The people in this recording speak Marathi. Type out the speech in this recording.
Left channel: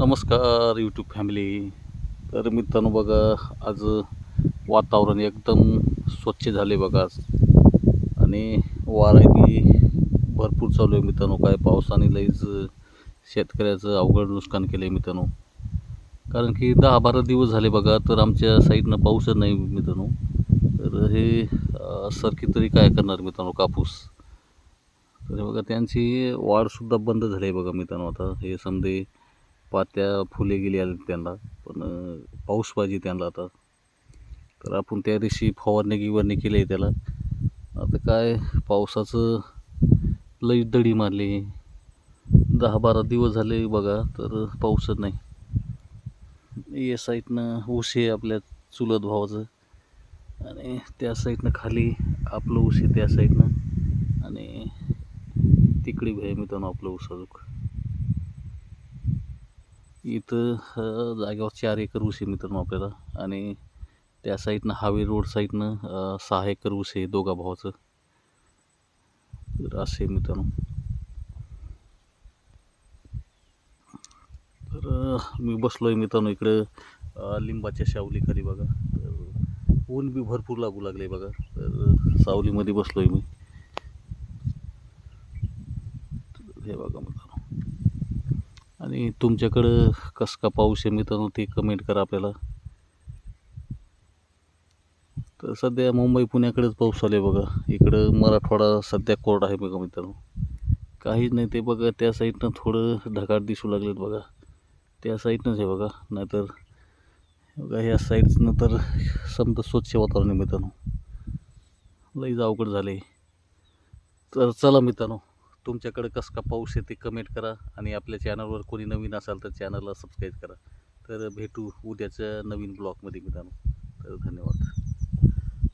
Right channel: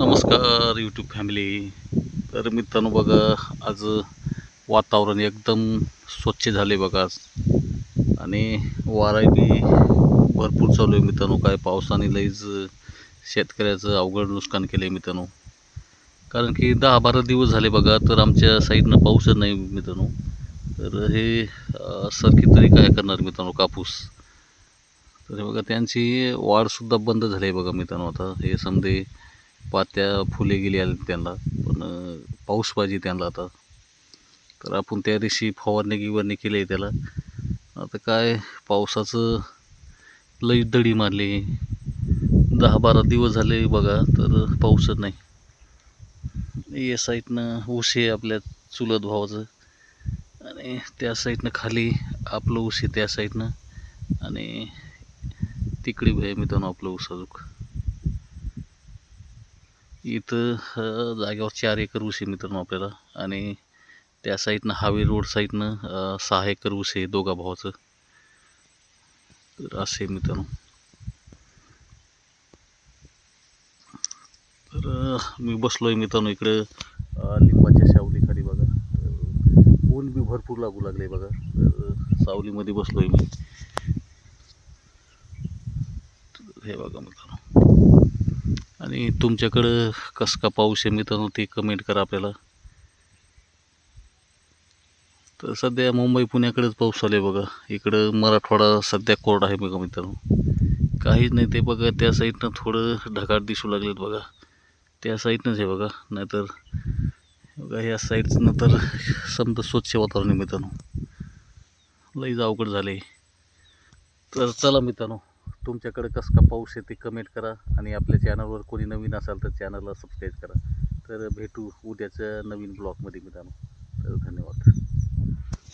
नमस्कार यूट्यूब फॅमिली. तर मित्रांनो बघा, आज वातावरण एकदम स्वच्छ झाले बघा आज. आणि वारा बी भरपूर चालू आहे मित्रांनो. काय पावसाने लईच शेतकऱ्याचं अवघड नुकसान केलं आहे मित्रांनो. कारण की 10-12 दिवस झाले बघा, तर आमच्या साईडनं पाऊसच नाही मित्रांनो. तर हे सरकी तरी काय करणार मित्रांनो कापूस. तर हे बघा, त्यांची वाढसुद्धा बंद झाली आहे बघा मित्रांनो. आता हे समजे पात्या फुले गेली आले त्यांना, पण पाऊस पाहिजे त्यांना आता. तर आपण त्या दिवशी फवारणी केली आहे त्याला. आता काय पावसाचं लई दडी मारली. 10-12 दिवस झाले बघा, तर पाऊसच नाही. या साईडनं ऊस आहे आपल्या चुलत भावाचं, आणि त्या साईडनं खाली आपलं ऊस आहे त्या साईडनं, आणि तिकडे आहे मित्रांनो आपलं ऊस अजून. इथं जागेवर 4 एकर ऊस आहे मित्रांनो आपल्याला, आणि त्या साईडनं हावे रोड साईडनं 6 एकर ऊस आहे दोघा भावाचं. तर असे मित्रांनो. तर मी बसलो आहे मित्रांनो इकडं लिंबाच्या सावलीखाली बघा. तर ऊन बी भरपूर लागू लागले बघा. तर सावलीमध्ये बसलो आहे मी. हे बघा मित्रांनो. आणि तुमच्याकडं कसं का पाऊस आहे मित्रांनो, ते कमेंट करा आपल्याला. तर सध्या मुंबई पुण्याकडेच पाऊस चालू आहे बघा. इकडं मराठवाडा सध्या कोरडा आहे बघा मित्रांनो. काहीच नाही. ते बघा त्या साईडनं थोडं ढगाळ दिसू लागलेत बघा. त्या साईडनंच आहे बघा. नाहीतर बघा ह्या साईडनं तर समजा स्वच्छ वातावरण आहे मित्रांनो. लईच अवघड झाले. तर चला मित्रांनो, तुमच्याकडे कसं का पाऊस आहे ते कमेंट करा. आणि आपल्या चॅनलवर कोणी नवीन असाल तर चॅनलला सबस्क्राईब करा. तर भेटू उद्याच्या नवीन ब्लॉगमध्ये मित्रांनो. तर धन्यवाद.